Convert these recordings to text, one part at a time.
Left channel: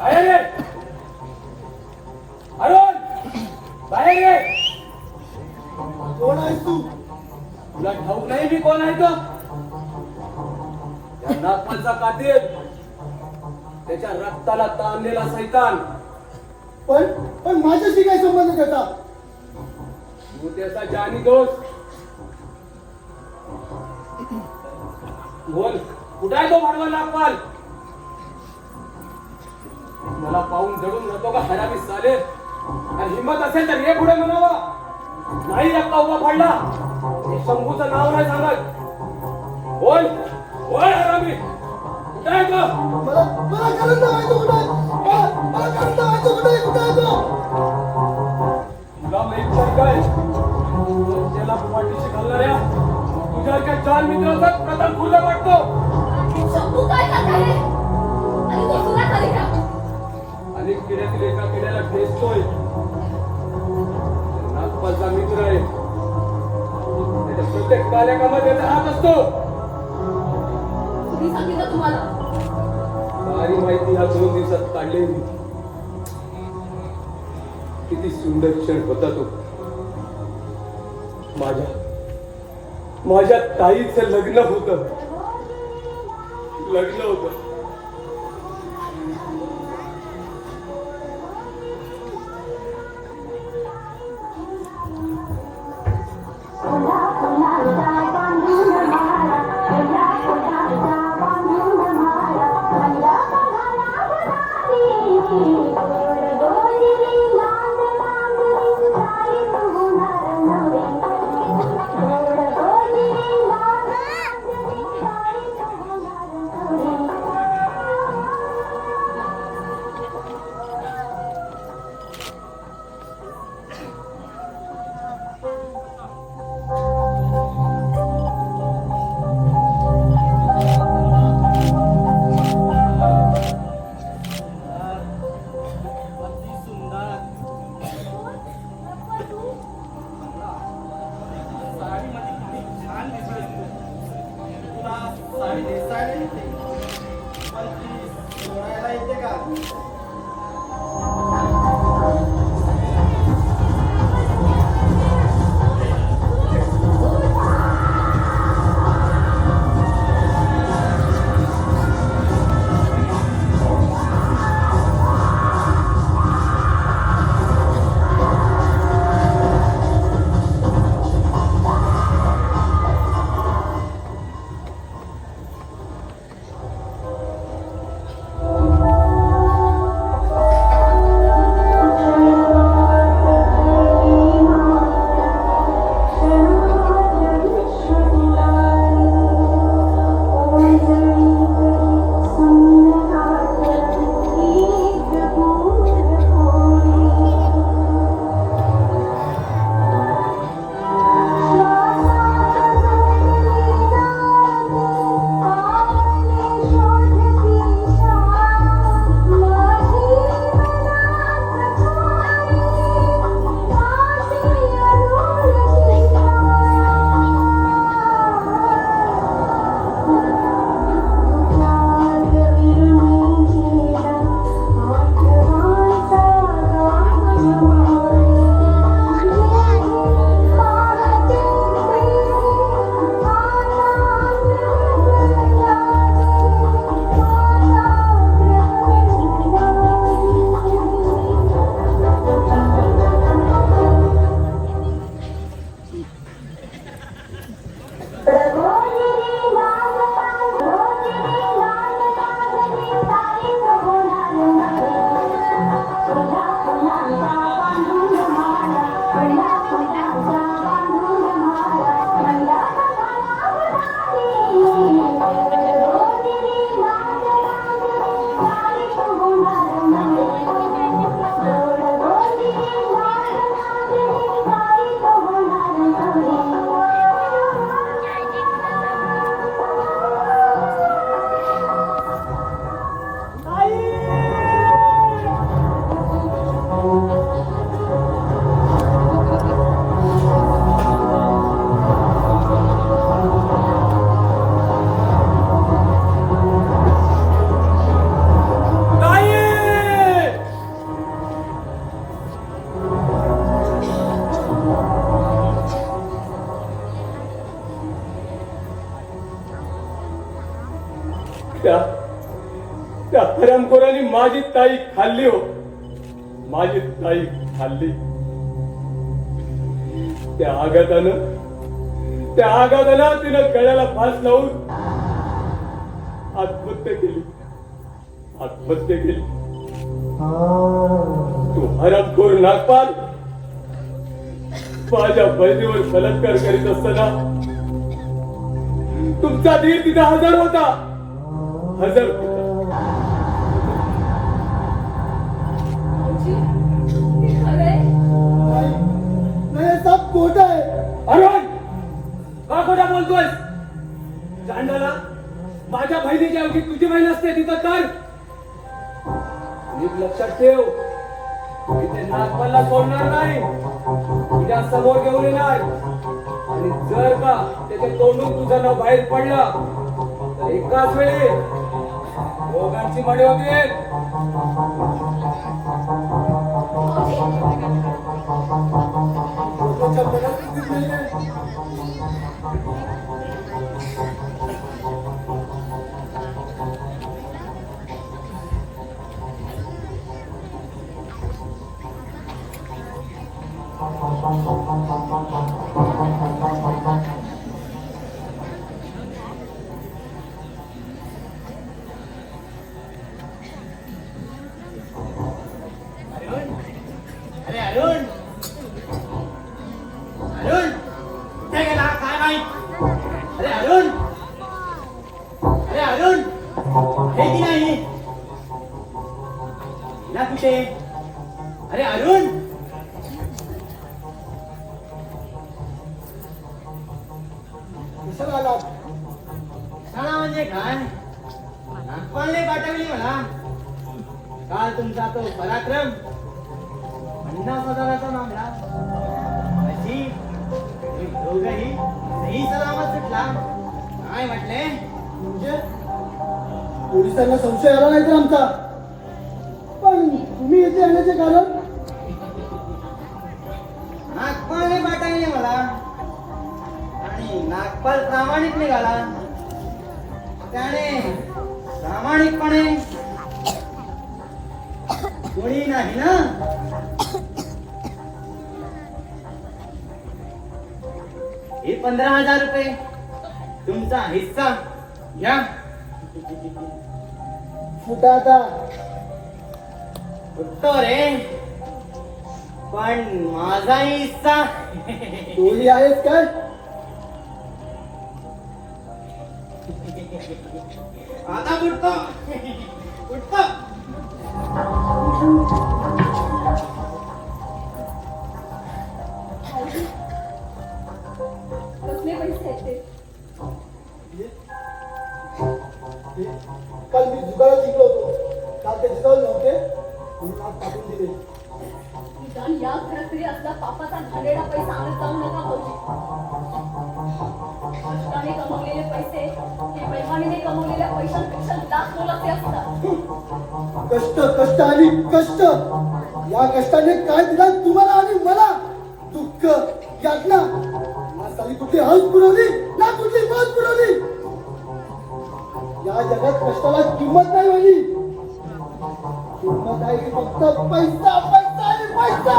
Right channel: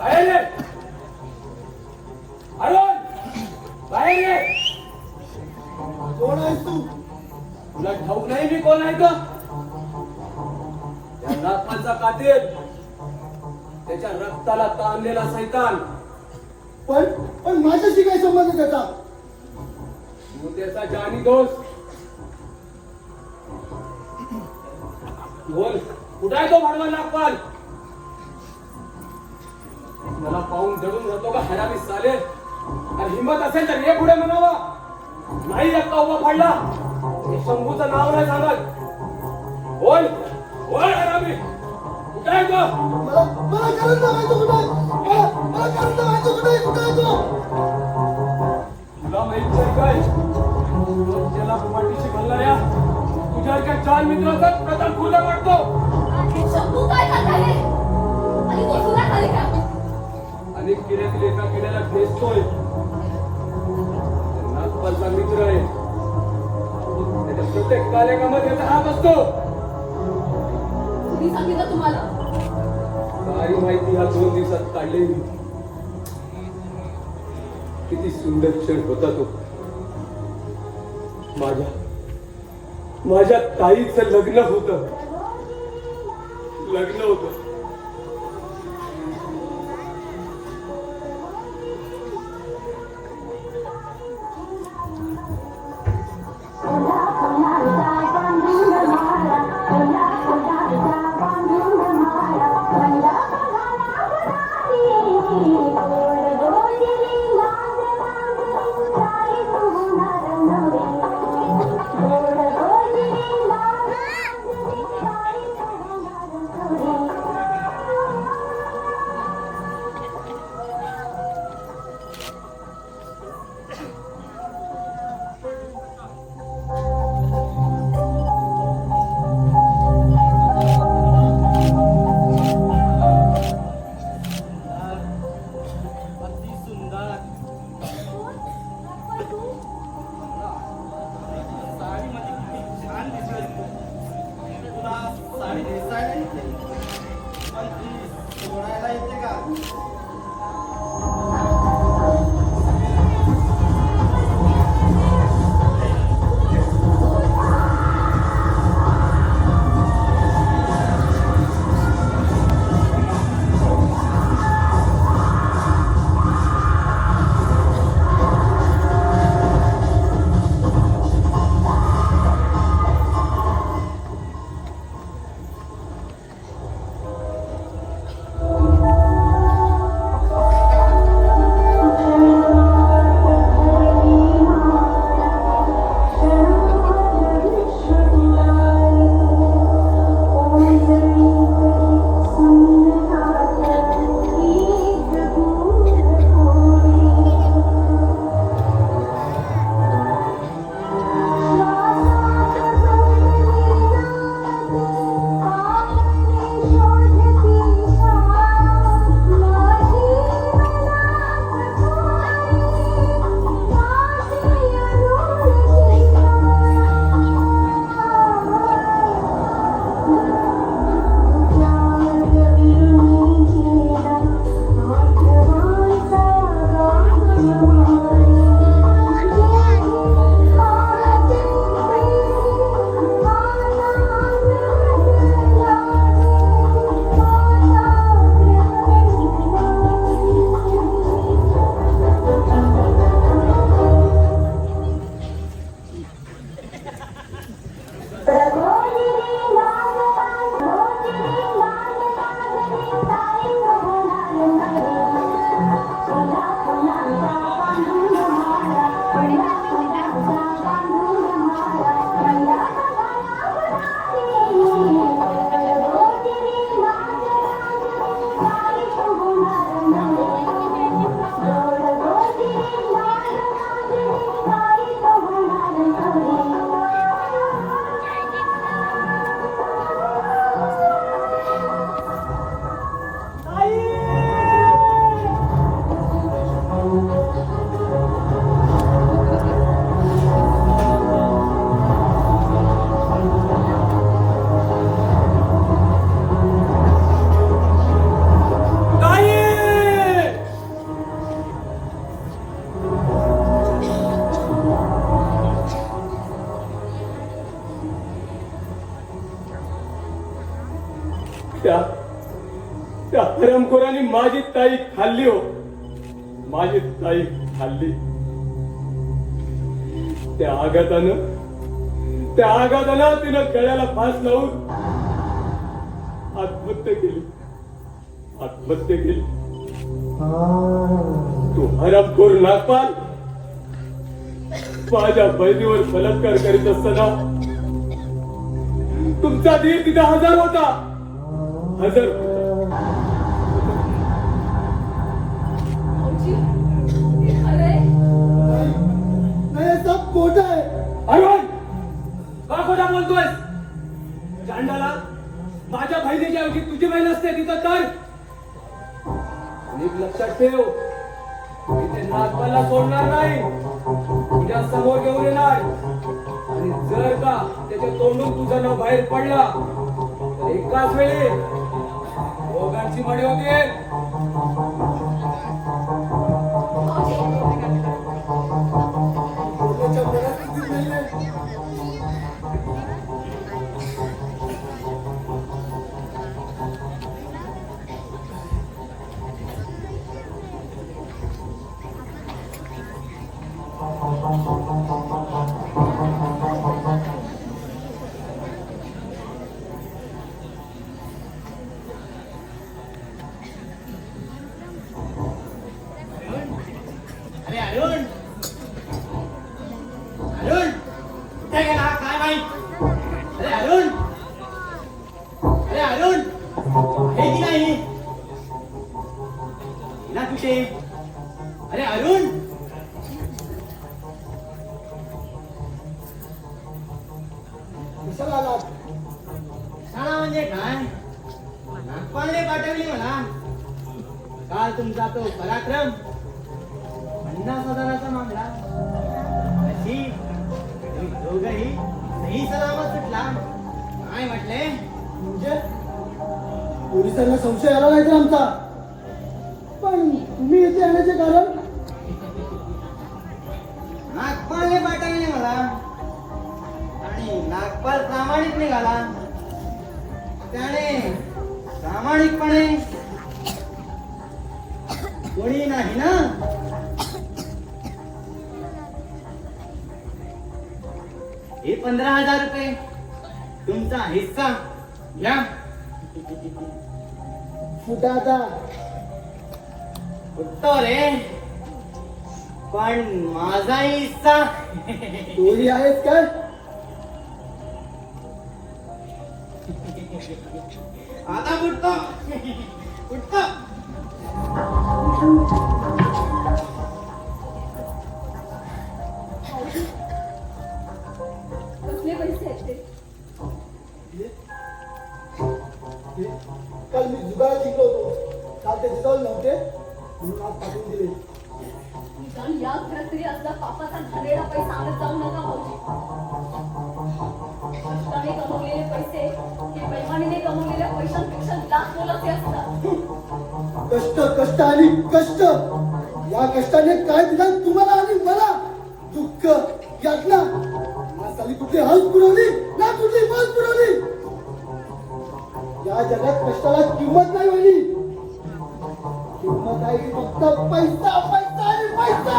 बाहेर ये अरुण, बाहेर ये. कोण आहेस तू? तुला ठाऊक नाही मी कोण आहे तो? या नागपालचा कातील, त्याच्या रक्ताला ताणलेला सैतान. पण माझ्याशी काय संबंध त्याचा? तू त्याचा जानी दोस्त. बोल, कुठे आहे तो भाडवा नागपाल? मला पाहून दडून जातो का हरामी साले? आणि हिंमत असेल तर ये पुढे म्हणावं. नाही रक्ता उभा पडला हे शंभूचं नाव नाही सांगत. बोल बोल हरामी, कुठे आहे तो? मला कारण लावायचं कुठे? मला कारण लावायचं कुठे? कुठे आहे तो? तुला माहित नाही काय? त्याला पाठीशी घालणाऱ्या तुझ्यासारख्या चार मित्राचा प्रथम पूजा वाटतो. शंभू काय करताय? आणि तो तुला खाली का? अनेक किड्यातील एका किड्याला भेसतोय. नागपालचा मित्र आहे. त्याच्या प्रत्येक कार्यक्रमात त्याचा हात असतो. कुणी सांगितलं तुम्हाला? काही माहिती ह्या 2 दिवसात काढली मी. किती सुंदर क्षण होता तो. माझ्या ताईचं लग्न होतं. ताई खाल्ली हो, माझी ताई खाल्ली. त्या आघातानं तिनं गळ्याला फास लावून आत्महत्या केली. तू हरपखोर नागपाल माझ्या बहिणीवर बलात्कार करीत असताना तुमचा धीर तिथे हजर होता. भाऊजी, हे खरंय? नाही नाही सब खोटं आहे. अरुण, का खोटा बोलतोय? गांडाला माझ्या बहिणीच्या ऐवजी तुझी बहीण असते तिथं तर नीट लक्षात ठेव. मी ते नागपालला सोडणार नाही. तुझ्या समोर घेऊन येणार आणि जर का त्याच्या तोंडून तुझं नाव बाहेर पडलं तर एकाच वेळी दोघांची मणी होती. भाऊजी, खोटं मनातच दिसतंय. अरे अरुण ते गेला काय माहित. अरे अरुण हे की नाही ना कुठे. अरे अरुण दिसायला आला. सांगा म्हणजे काय नागपालने पाठवली मला. काल तुमचा तो पराक्रम 50,000चा मागला. अशी दोघेही नाही सलामत सुटला. काय म्हटले? म्हणजे पोलिसांना संशय आला नाही तर आमचा. पण तुम्ही इथे येण्याचे कारण? नागपालने पाठवली मला आणि नागपाल प्रामाणिक निघाला. त्याने प्रामाणिकपणे कोणी नाही ना. हे 15,000 रुपये तुमचा हिस्सा घ्या. सुद्धा आता उत्तर रे, पण माझाही हिस्सा. टोळी आहेत काय? आता उठतो. कसले पैसे आहेत ते? काल मी जुगारात जिंकलो होतो. काल ते जिंकवले नव्हते म्हणून आज पाठवून दिले. निदान या घरात तरी असला पापाचा घाणेरडा पैसा आणत जाऊ नका भाऊजी. कष्टाने कमवलेले पैसे हे बेईमानीने कमवलेल्या पैशांपेक्षा लाख मोलाचे असतात. कष्ट कष्ट आणि कष्ट. या कष्टाने काय दिलं तुम्हाला आणि मला? दुःख, यातना. माणसाने कुठली हौस पुरवली ना कुठली मौज पुरवली. या जगात कष्टाला किंमत नाही वाली. किंमत आहे की फक्त पैसा पैसा आणि पैसा.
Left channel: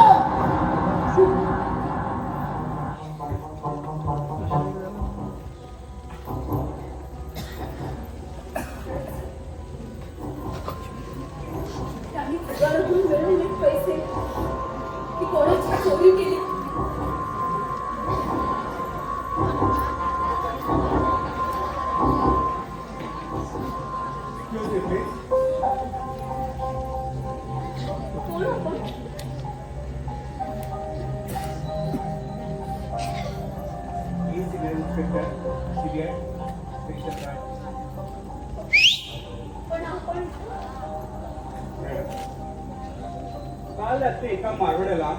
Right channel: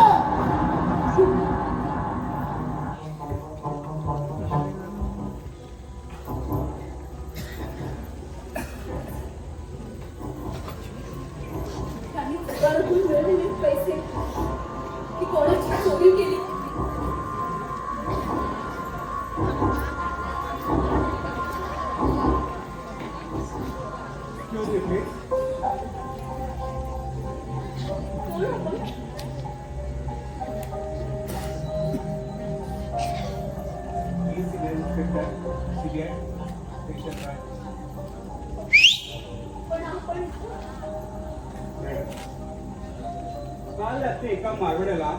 त्यांनी पगारातून मिळवलेले पैसे की कोणाची चोरी केली. कोण आपण? पण आपण काल रात्री एका मारवाड्याला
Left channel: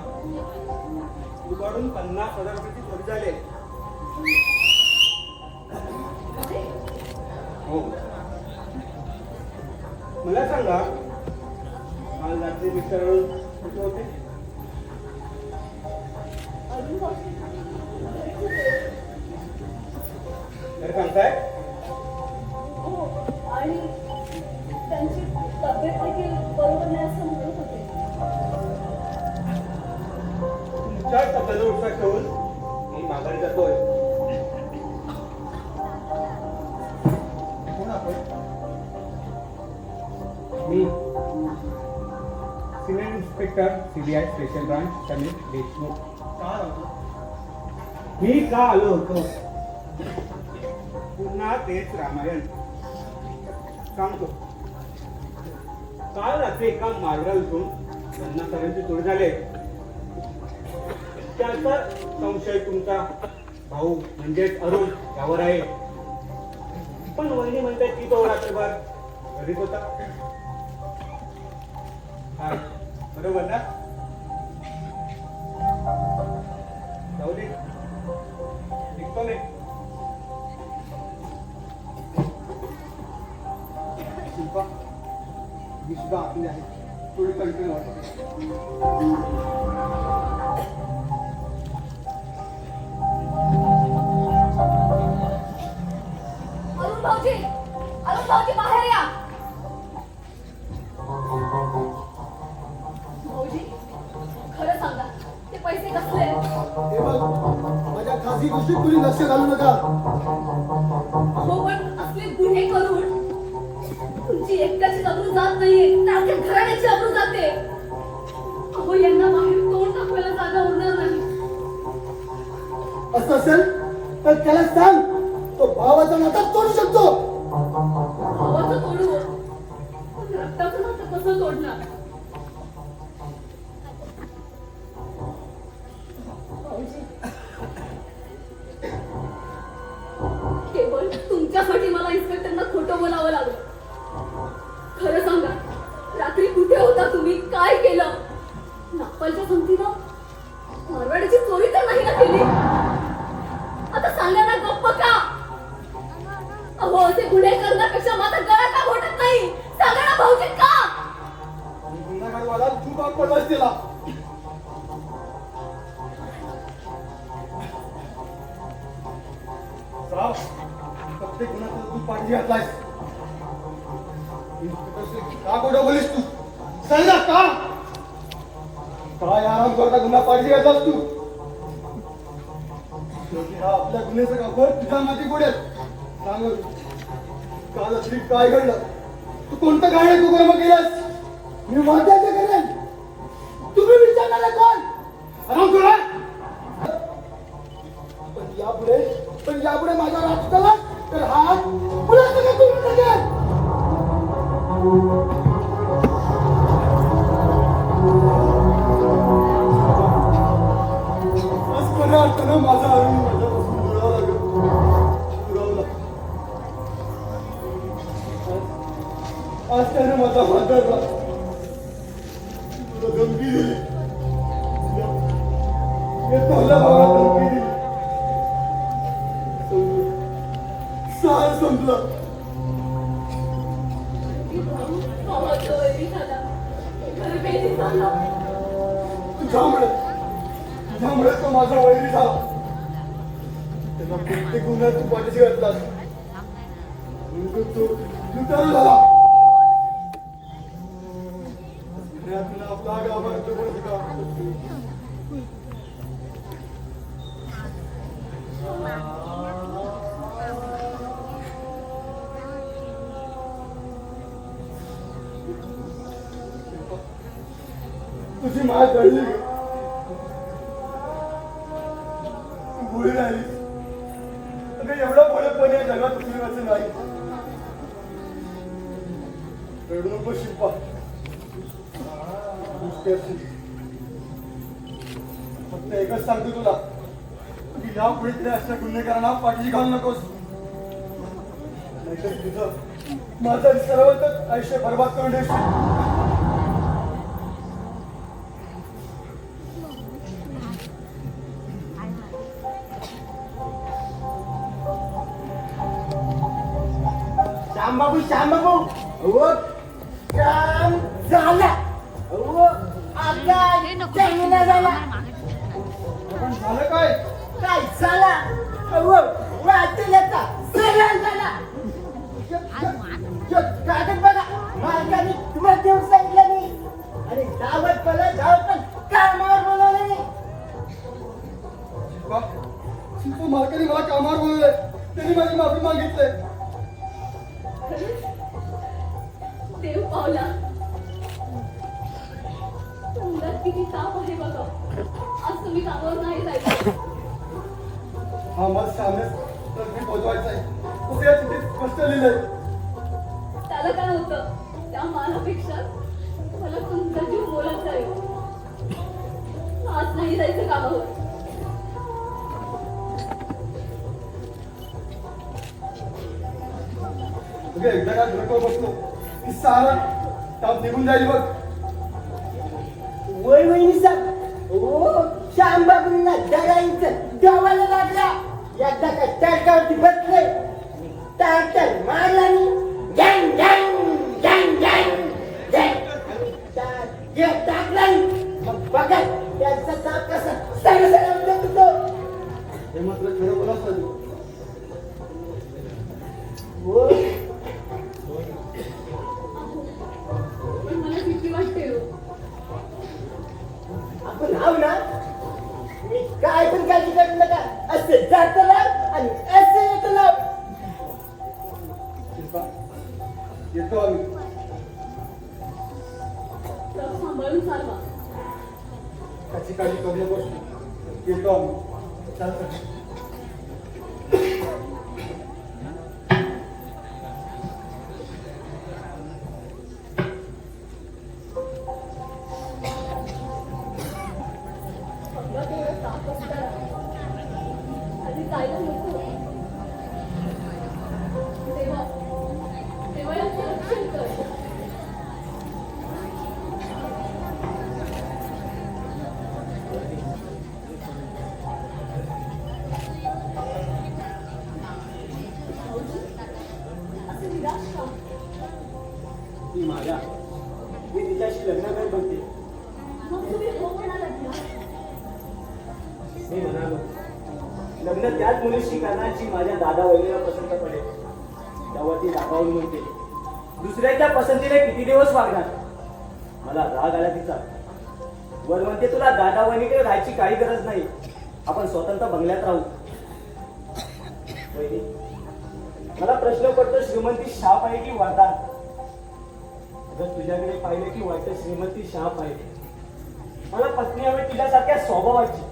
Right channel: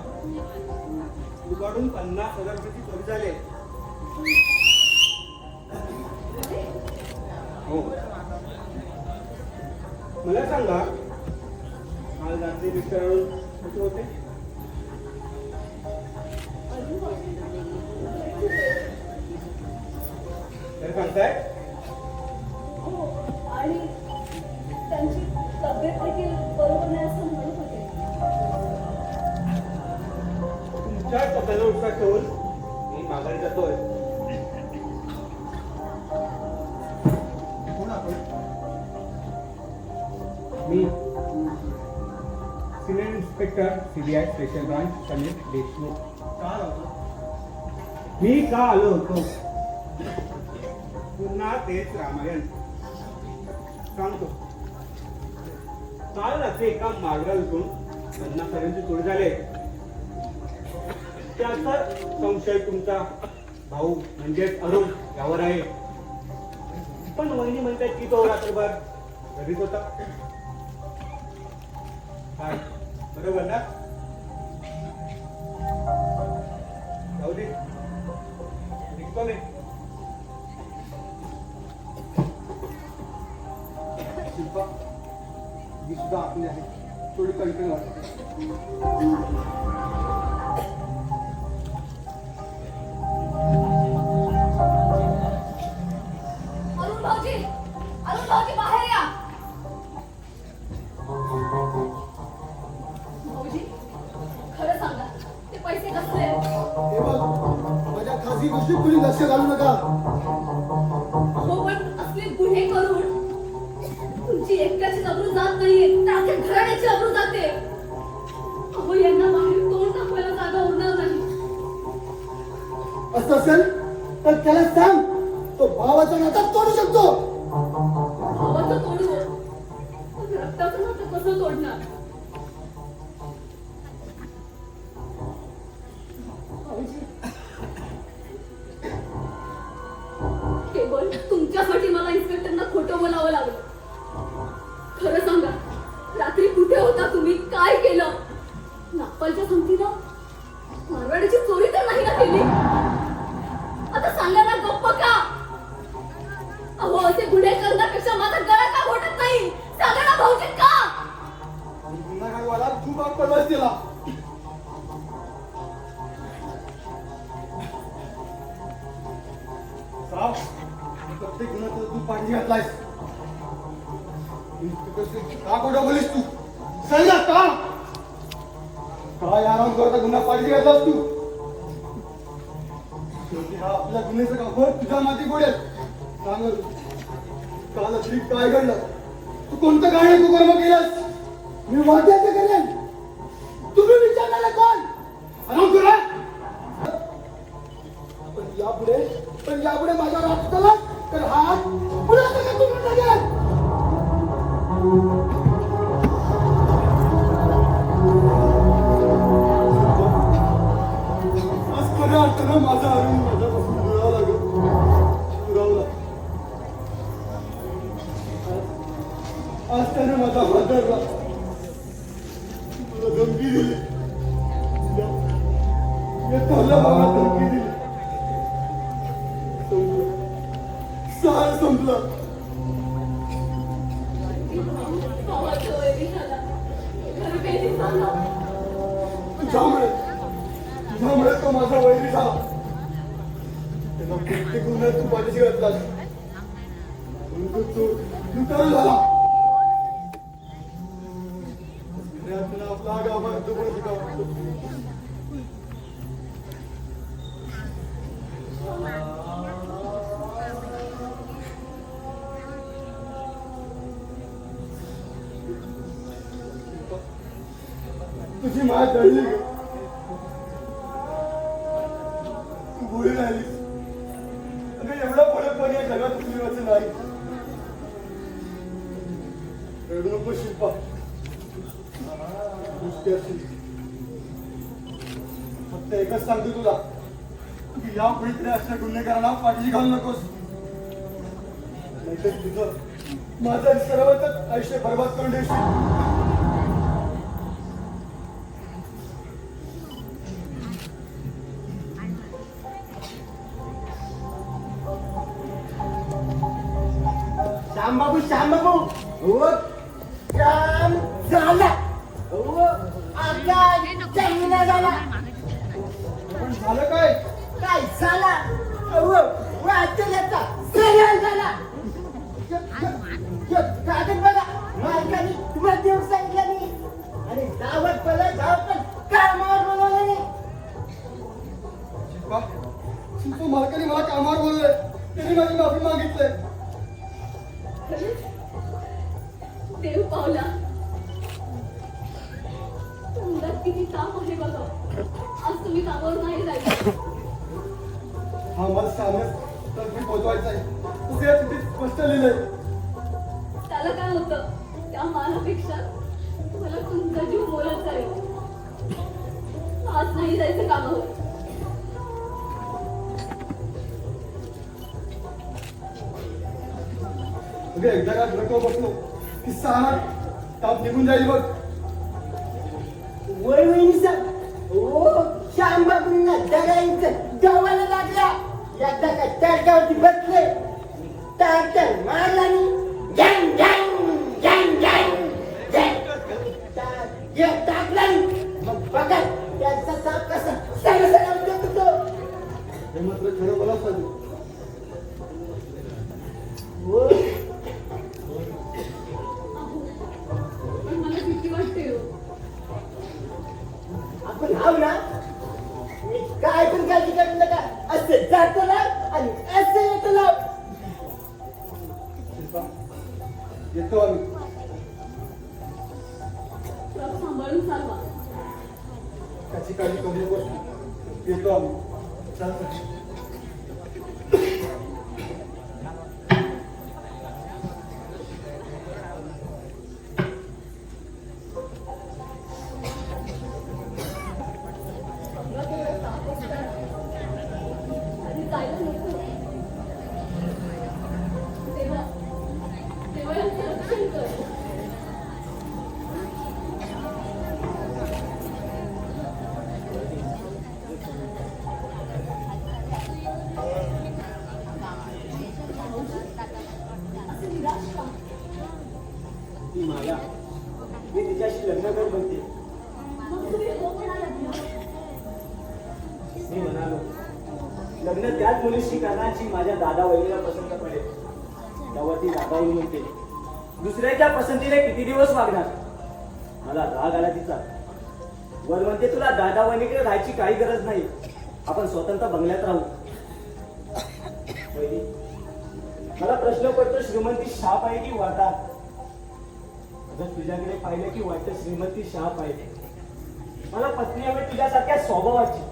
दुपारून 50,000 रुपयाची चोरी झाली. हो, मला सांगा काल रात्री मिस्टर कुठे होते? अजून भाऊजी तर सांगताय? हो, आणि त्यांची तब्येत देखील बरोबर ठेवून मी माघारी जातोय. कोण आपण? मी civil inspector CBI special branch Sameer Deshmukh. मी का आलो होतो पुन्हा तेच रामायण सांगतो. काल रात्री एका मार्गावरून 50,000ची तोड झाले. त्याचा संशय तुमचा भाऊ म्हणजेच अरुण यावर आहे. पण वहिनी म्हणतात की तो रात्रभर घरीच होता. काय बरोबर ना? जाऊदे, निघतो नाही. शिल्पा ही सुद्धा आपली आहे. थोडी कणकण वाटते. अरुण भाऊजी बाहेर या. भाऊजी खरं सांगा, ते पैसे कसले? माझ्या खासगी गोष्टीत तुम्ही लक्ष घालू नका. हो, पण असले गुन्हे करून तुमची एकट्याची अब्रू जात नाहीये, तर अख्ख्या घराण्याची अब्रू जाते. अहो, यांना बाहेर तोंड दाखवायला जागा उरणार नाही. असं असेल तर त्याला सांग, तो भावाचा नाता तोडू शकतो. भावाचं तोडू, पण रक्ताचं नातं कसं तोडणार? भाऊजी, केवळ तुमच्यासाठी मला इन्स्पेक्टरना खोटं बोलावं लागलं. खरं सांगा, रात्री कुठे होता तुम्ही? काय केलं? नागपालच्या संगतीला मारवाडीची चोरी तर नाही ना केली? आता सांगा ना, गप्प का? अहो, असे गुन्हे करण्यापेक्षा माझा गळा का घोटत नाही? सांगा ना भाऊजी, का? आणि गुन्हेगारवाला तू बाप पडवास दिला. साव, प्रत्येक गुन्ह्यात तू पाठी घातलायस. का खोटं बोलीस तू? सांग ना, का? काय आराम करता गुन्हा पाठी घातलास तू? आपल्या गुन्ह्याचं गावभर तुझ्या माती गोडेल. सांग काल रात्री काय घडलं? तू कोणतं गाणे तू कर्म केलंस? मी वाद्याचं करेन. तुम्ही विचारणार कोण? आराम करा. पण यापुढे माझा राग झाला तर हा पुन्हा सगळं तुम्ही टाकेल. आज खऱ्या अर्थानं माझा अरुण माझ्यापासून दुरावा लागेल. दुरावला. आज त्याने माझा हात धरला. धमकी दिली. मी तोला भावाला धमकी दिली. साल संपला. भावाचं वैरी झाला. खरं काही सांगा. तुझ्यामुळे तो माझा वैरी झाला. त्याला प्रत्येक गुन्ह्यात तू पाठीशी घातलास. तू लुटारा झाला. आपला गावभर कोणाचं गाव तुझी माय जळली. तू गोळी राहिलीस. अगं एवढं भोळेपण या जगात तुझीवाचं नाही. रडू नको शिल्पा. फक्त एकच सांगतो तुला की यापुढे तरी अशा गुन्हेगारांना पाठी घालू नकोस. नाहीतर तुझं माझा विचारावर तर आयुष्य बरबाद करून देशील. श्यामबाबू श्यामबाबू हो काम झाला हो आका चांगला झाला. झालं काय? काय झाला हो वाटल्याचा सरळ झाला. कागद बघा मालकाने तुम्हाला देऊन सांगितलं मी आणि गावात पला गावात कामावर बोलवलं नाही. किती ताप आहे बघा. आज तुम्ही कामावर नाही जायचं. हा मत सांगण्यास अगदी पोचवायचा आहे. तुझ्या चिठ्ठीत स्पष्ट लिहिलंय. त्याला काय होतं? त्या मालापेक्षा मला तुमचा जीव बोलत जाईल. आज नाही जायचं कामावर. तुझे एकदा का घरटो बसलो की सारा ताप निघून जाईल बघ. वय वहिनी साहेब ओ श्यामबाबूंना दगाईचं गावाला लागला. एकदा का तडकावती बसले टाकर मारला आणि गँग गँग गँग गँग गँग टाकला. मग बघा त्यांचा ताप कसा सगळं उठत होतो. हे मात्र खरं बोलाच ना तू. हो. पण मला भीती वाटते हो. आपण हाव ना मी काय पण काळजी करत नका. असं जातं ना आणि असं येतं ना. येतो आम्ही. ट्रक सांभाळून चालवा. त्याची काळजी करू नकोस. येतो आम्ही. चल चल. समजा तेवढे ताप असताना आधी जायला नको. तेव्हा तेव्हा यांचं रक्षण कर. असं निराश का? ती माझा मी तिच्याशी लग्न कर बनते. मग तुम्ही हो म्हणालात ना. मी म्हणालो लग्न त्याच मुलीशी करण्याची माझ्या दादा वहिनीला पसंत पडेल. तेव्हा ती रागावून म्हणते दुसऱ्याच्या पसंतीला किती दिवस वागणार. मला राग आला तिचा. वर म्हणते तुला दादा वहिनीकडे राहायची काही गरज नाही. आपण स्वतंत्र बंगल्यात राहू. वहिनी मला प्रश्न पडतो श्रीमंती शाप आहे की वरदान. अगर तुझ्याकडे पाहिलं की वाटतं श्रीमंती शाप आहे. मला पत्नी हवी तुझ्यासारख्या स्वभावाची.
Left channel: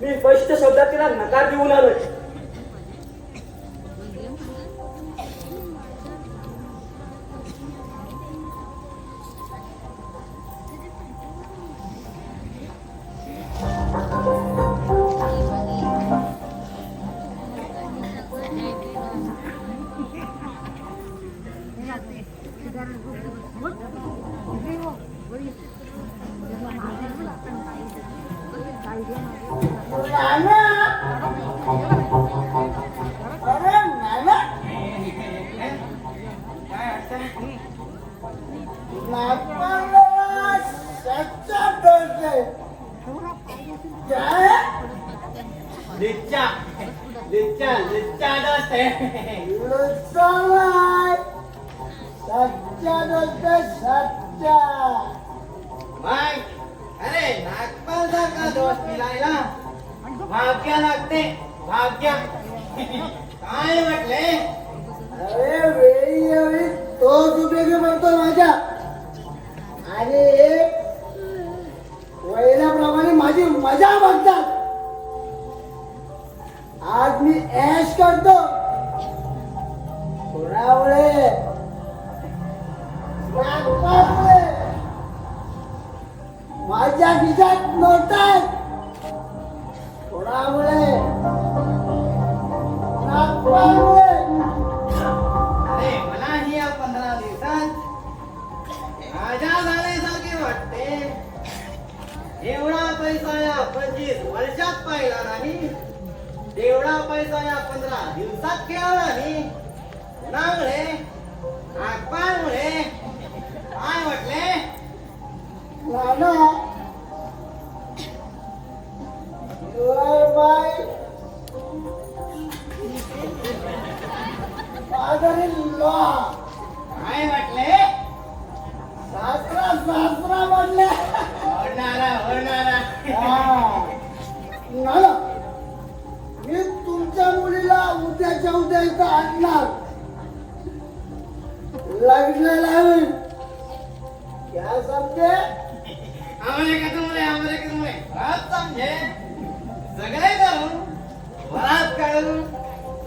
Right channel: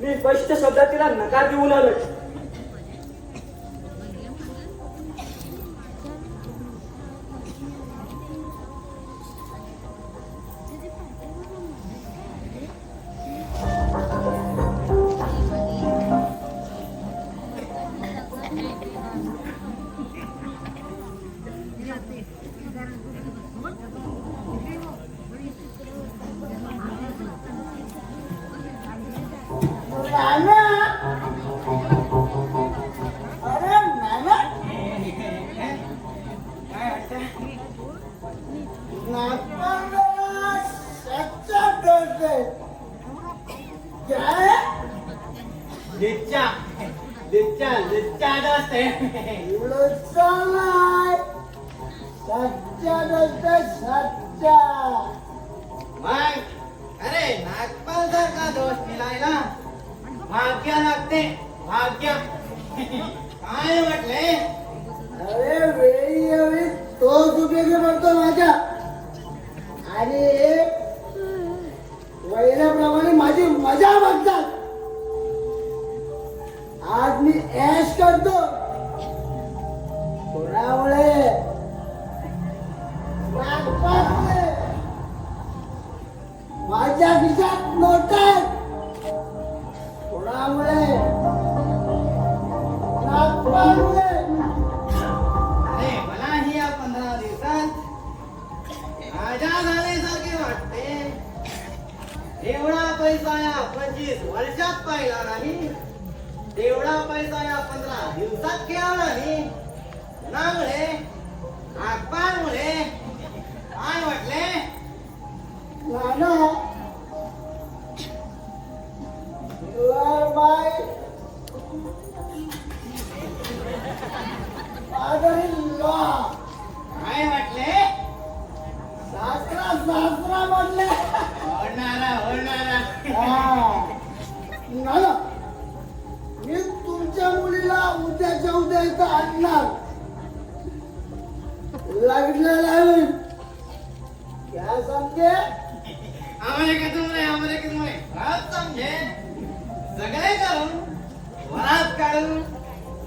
मी स्पष्ट शब्दात तिला नकार देऊन आलोय. नाना अरे नाना नागपांगला सच्चा दोस्त है. क्या है? लिच्चा लिच्चा लिच्चा दोस्त है. लुच्चा नाही. सच्चा दोस्त है, सच्चा. मग अरे नागपाल सारखा दोस्त मिळायला भाग्य लागते भाग्य. काय म्हटले? अरे वेळी तोच उपयोगी पडतो माझ्या. आणि वडिलाप्रमाणे माझी मजा बघतात. आज मी ऐश करतो कोणामुळे नागपामुळे. माझ्या खिशात नोटात कोणामुळे नागपामुळे. अरे मलाही या 15 दिवसात राजा झाल्यासारखे वाटते. एवढा पैसा या 25 वर्षात पाहिला नाही. तेवढा पैसा या 15 दिवसात केला नाही. कोणामुळे? नागपाळमुळे. काय म्हटले? Nana your my father in law. काय म्हटले? सासरा सासरा म्हणले. ओढणारा नाना मी तुमच्या मुलीला उद्याच्या उद्या इथं असणार लग्न लावून क्या समजे आम्हाला का तुमले रात समजे सगळे करून वरात काढून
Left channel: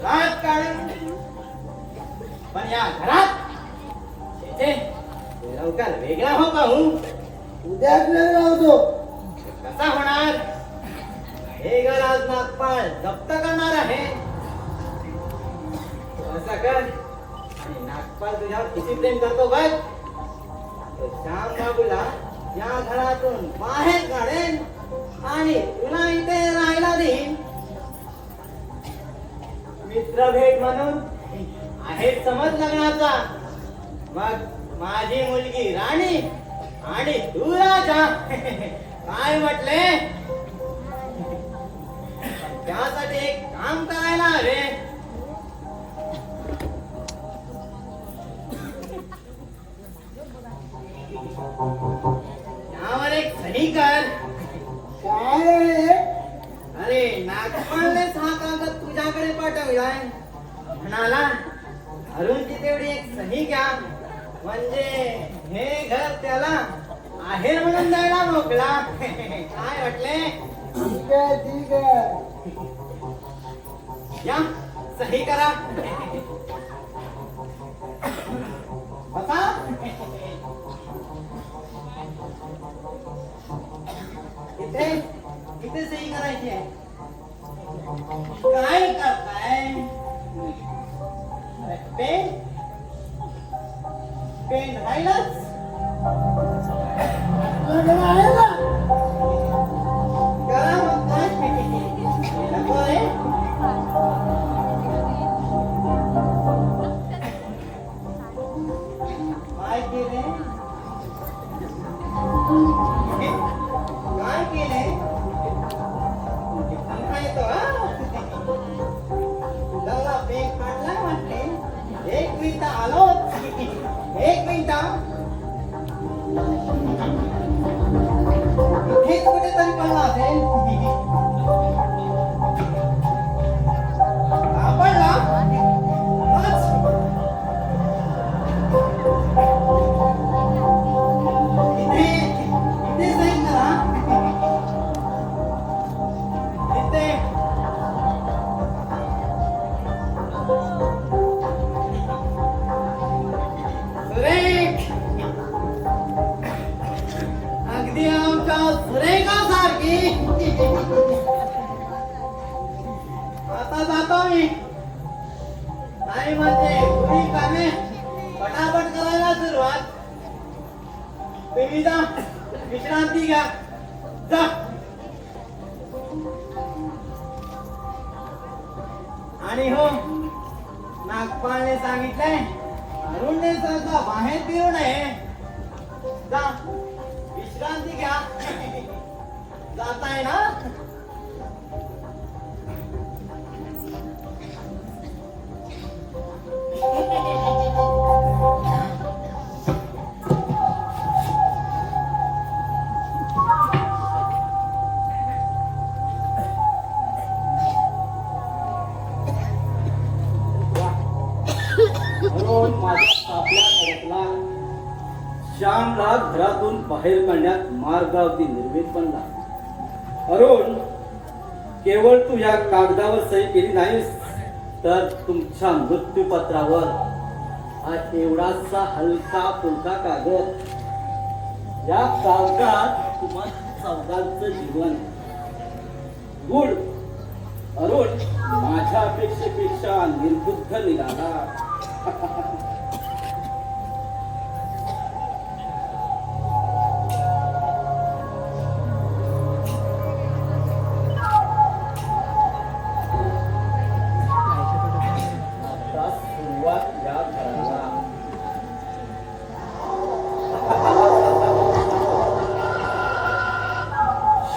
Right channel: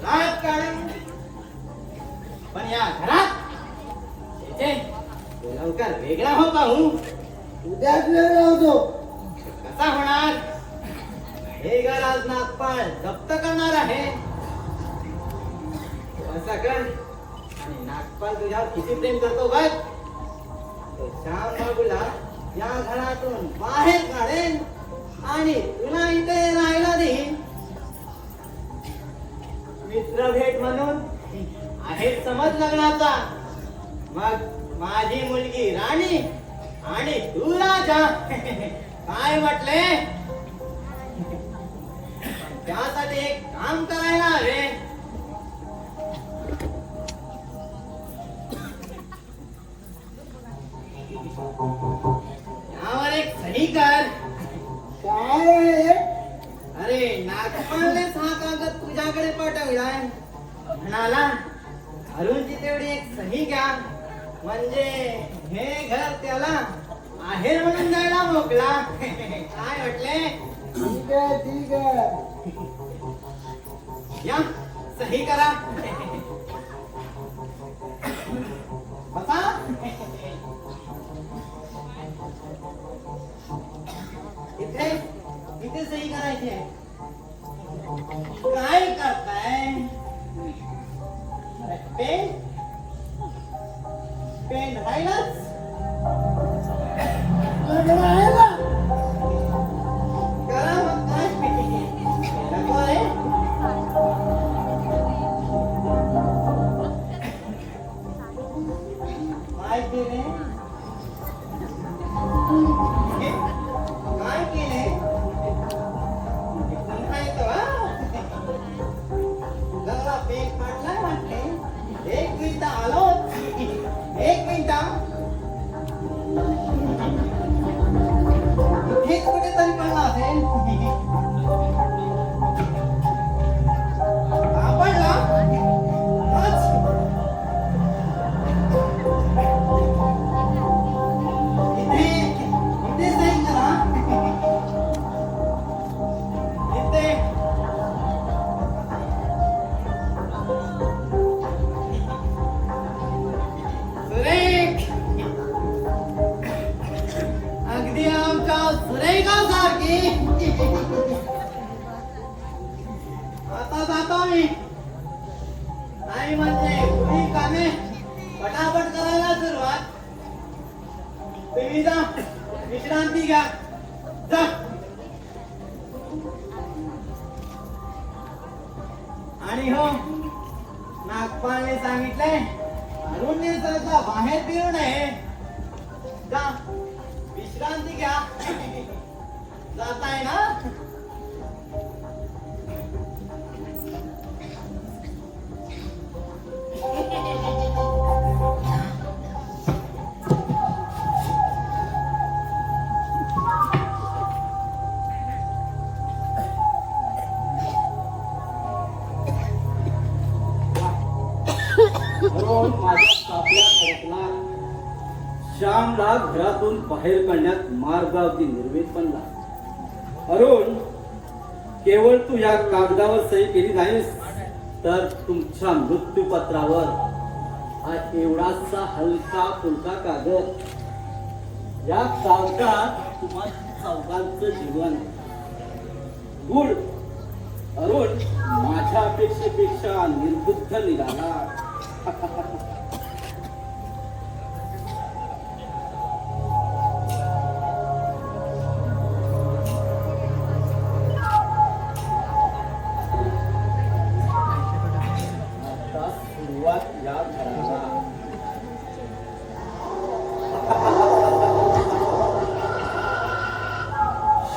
रात काढून पण या घरात येथे लवकर वेगळा हो पाहू उद्याच वेगळा होतो कसा होणार हे घर आज नागपाळ जप्त करणार आहे तू असं कर आणि नागपाळ तुझ्यावर किती प्रेम करतो बघ तो श्याम बाबूला या घरातून बाहेर काढेन आणि तुला इथे राहायला देईन मित्र भेट म्हणून आहे समज लग्नाचा मग माझी मुलगी राणी आणि तू राजा काय म्हटले त्यासाठी एक काम करायला हवे यावर एक सही कर काय रे? अरे नागपाळनेच हा कागद तुझ्याकडे पाठवलाय म्हणाला अरुणची तेवढी एक सही घ्या म्हणजे हे घर त्याला आहे म्हणून द्यायला मोकळा काय म्हटले ठीक आहे ठीक आहे या सही करा बसा इथे इथे सही करायची आहे काय करताय पेन पेन राहिलाच लग्न आहे ना करा मग काय नको रे. काय केले काय केले समजा येतं हा? लग्नाला पेक काढलाय म्हटले 1 मिनिट आलो 1 मिनिट इथेच कुठेतरी पडला असेल सापडला हाच. इथे इथे जाईल का इथे सुरेख अगदी आमच्या सुरेखासारखी आता जातो मी नाही म्हणजे पुढील कामे पटापट करायला सुरुवात तुम्ही जा विश्रांती घ्या जा आणि हो नागपाळने सांगितलंय अरुणने सहसा बाहेर फिरू नये जा विश्रांती घ्या जाताय ना म्हणून माझ्या सापल्या खडकला. श्यामला घरातून बाहेर काढण्यात मार्ग अगदी निर्मित बनला. अरुण, केवळ तू या कागदावर सही केली नाहीस तर तुमच्या मृत्यूपत्रावर हा एवढासा हलका फुलका कागद, या कागदात तुम्हा चौघांचं जीवन गुड अरुण माझ्या अपेक्षेपेक्षा निर्बुद्ध निघाला. आता सुरुवात या घराला.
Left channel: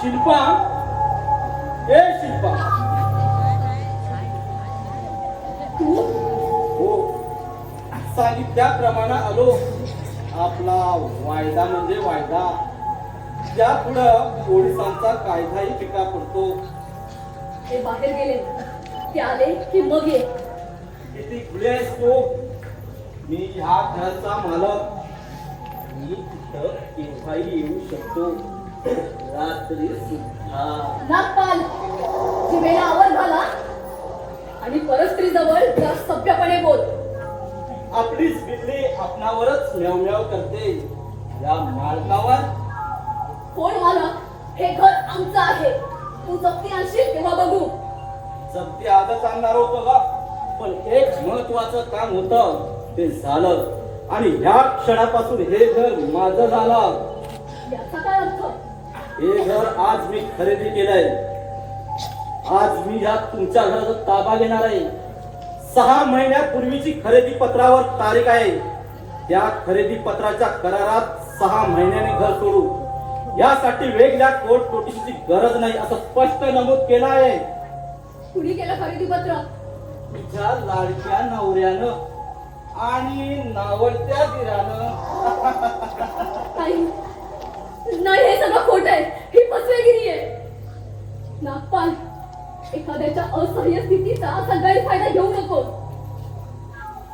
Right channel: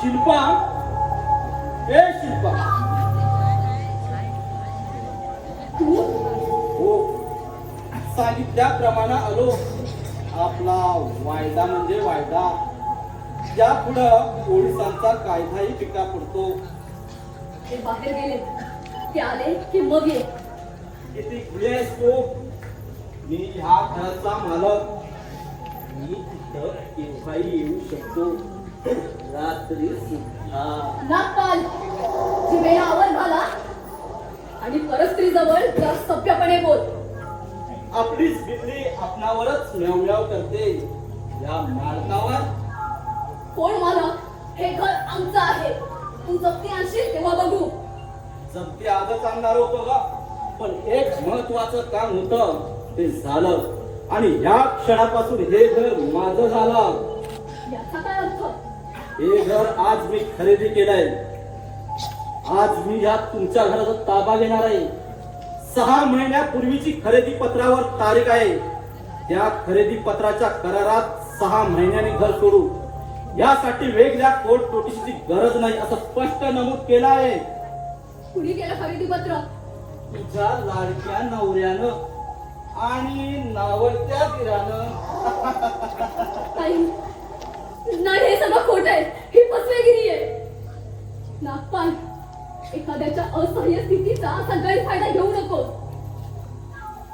शिल्पा, ए शिल्पा, हो सांगितल्याप्रमाणे आलो. आपला वायदा म्हणजे वायदा. त्या पुढं पोलिसांचा कायदाही फिका पडतो. ते बाहेर गेले ते आले की मग ये किती खुले आहेस तू? मी ह्या घराचा मालक. मी तिथं केव्हाही येऊ शकतो, रात्री सुद्धा. नागपाल जिभेला आवर घाला आणि परस्त्रीजवळ जरा सभ्यपणे बोल. आपलीच बिल्ली आपणावरच म्याव करते. या मालकावर कोण मालक? हे घर आमचं आहे. तू जप्ती आणशील तेव्हा बघू. जप्ती आजच आणणार होतो का? पण एक महत्वाचं काम होतं, ते झालं. आणि ह्या क्षणापासून हे घर माझं झालं. याचा काय अर्थ? हे घर आज मी खरेदी केलंय. आज मी ह्या तुमच्या घराचा ताबा घेणार आहे. 6 महिन्यापूर्वीची खरेदी पत्रावर तारीख आहे. त्या खरेदी पत्राच्या करारात 6 महिन्यांनी घर सोडू यासाठी वेगळ्या कोर्ट नोटीसची गरज नाही असं स्पष्ट नमूद केलं आहे. कुणी केलं खरेदी पत्र? तुझ्या लाडक्या नवऱ्यानं आणि नावडत्या दिरानं. काही नाही, हे सगळं खोट आहे. ही फसवेगिरी आहे. नागपाल, एखाद्याच्या असह्य स्थितीचा सगळ्यात फायदा घेऊ नको.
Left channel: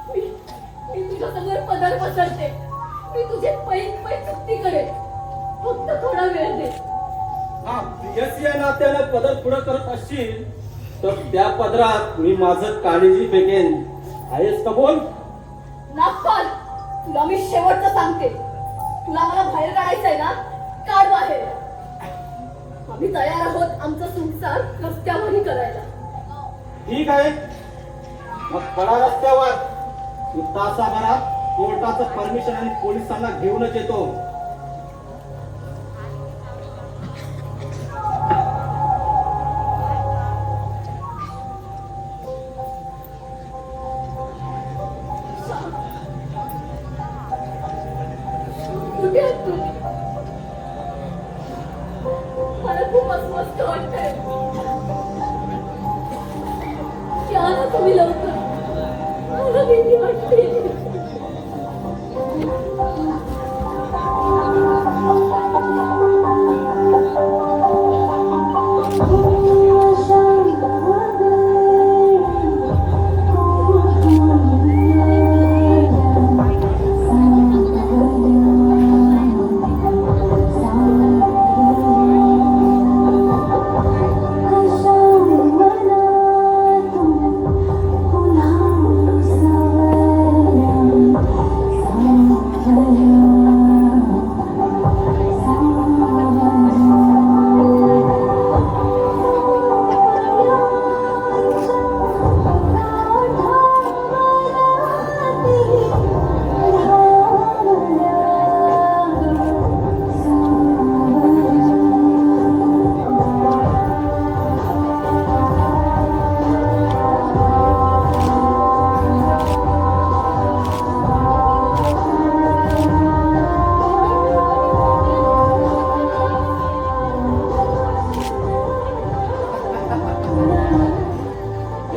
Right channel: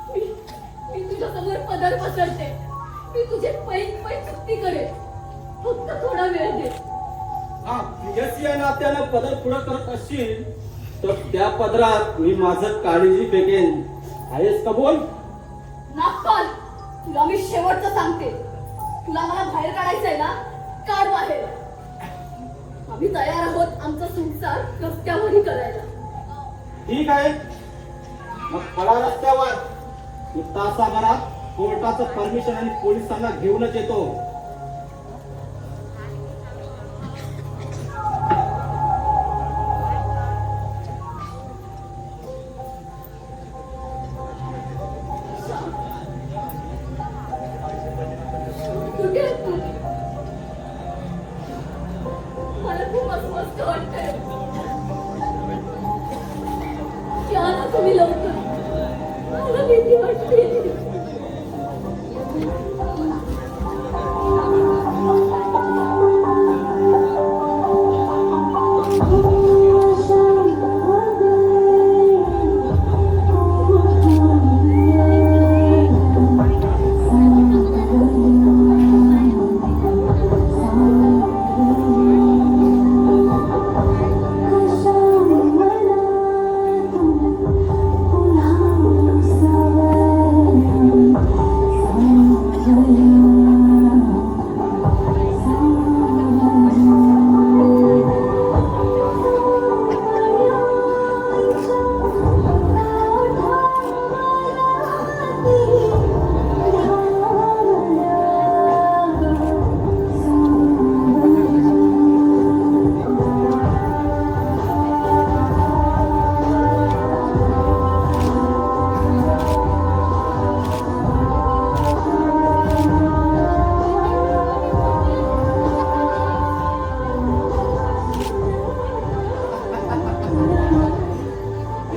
मी तुझ्या समोर पदर पसरते. मी तुझे पैन चुकती करेन. फक्त थोडा वेळ दे. हा, प्रियसी या नात्यानं पदर पुढं करत असशील तर त्या पदरात मी माझं काळजी फेकेन. आहेस कबूल? नागपाल, तुला मी शेवटचं सांगते. तुला मला बाहेर काढायचंय ना? काढ बाहेर. आम्ही तयार आहोत आमचा संसार रस्त्यावरही करायला. ठीक आहे, मग पळा रस्त्यावर. मी तासाभरात कोर्टाचं परमिशन आणि पोलिसांना घेऊनच येतो. कुठे आहेस तू? मला खूप अस्वस्थ वाटतंय. या ना तुम्ही लवकर. मला भीती वाटते.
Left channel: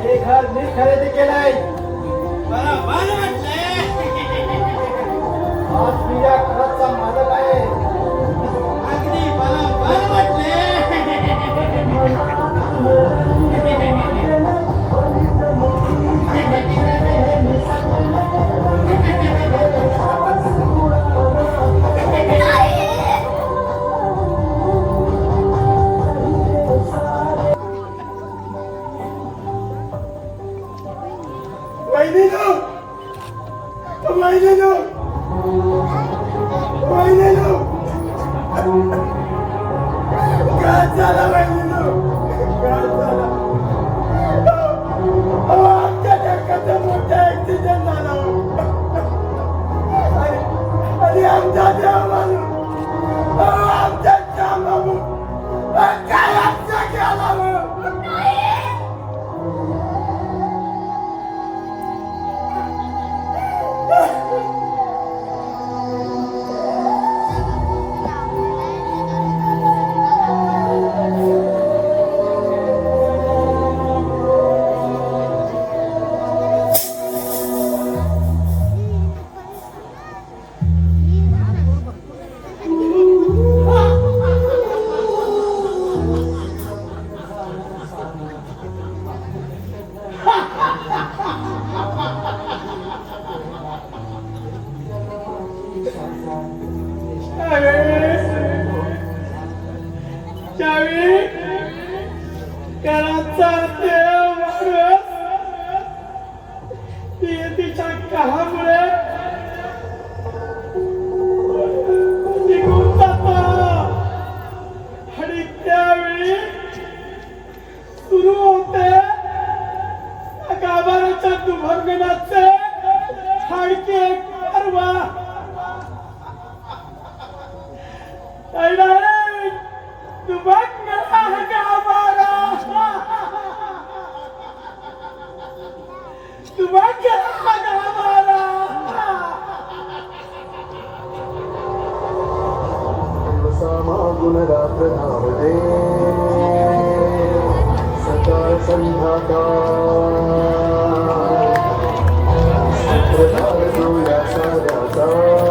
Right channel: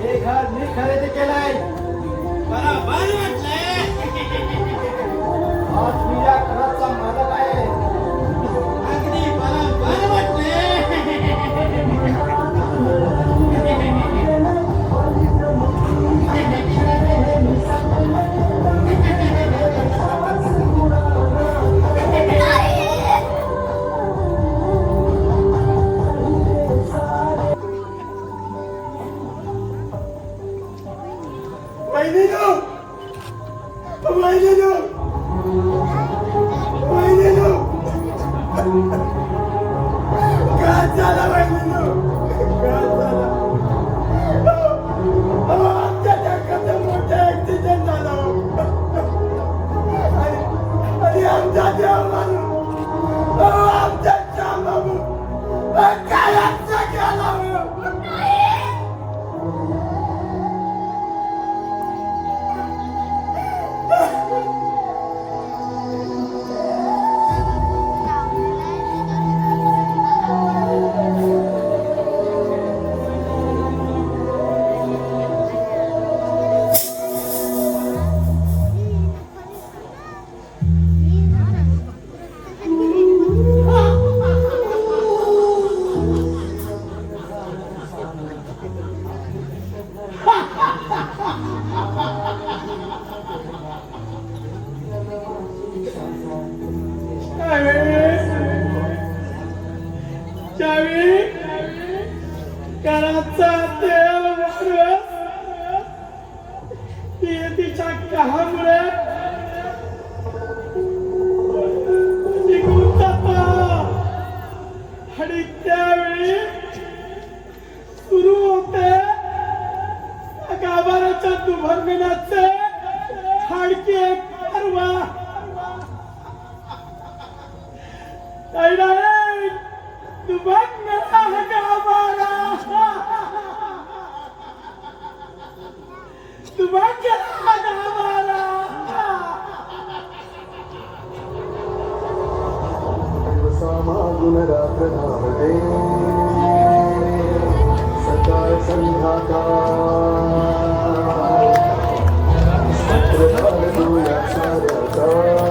हे घर मी खरेदी केलंय. मला बरं वाटलंय. आज मी या घराचा मालक आहे. अगदी मला बरं वाटलंय. वहिनीनो, वहिनीनो, वहिनीनो, काय झालं वहिनीनो? काय झालं? अहो, आमच्या जगाचा मोठा ऍक्सिडेंट झाला. आणि आमचा देव माणूस, अहो, आमच्या श्यामबाबू, काय आमचा गेला हो? Thank you. सुरू होते गाभाऱ्याच्या दुभंगण्याचे हडके परवा दुभंगला गाभारा दुभंगला गाभारा सकाळ संध्याकाळ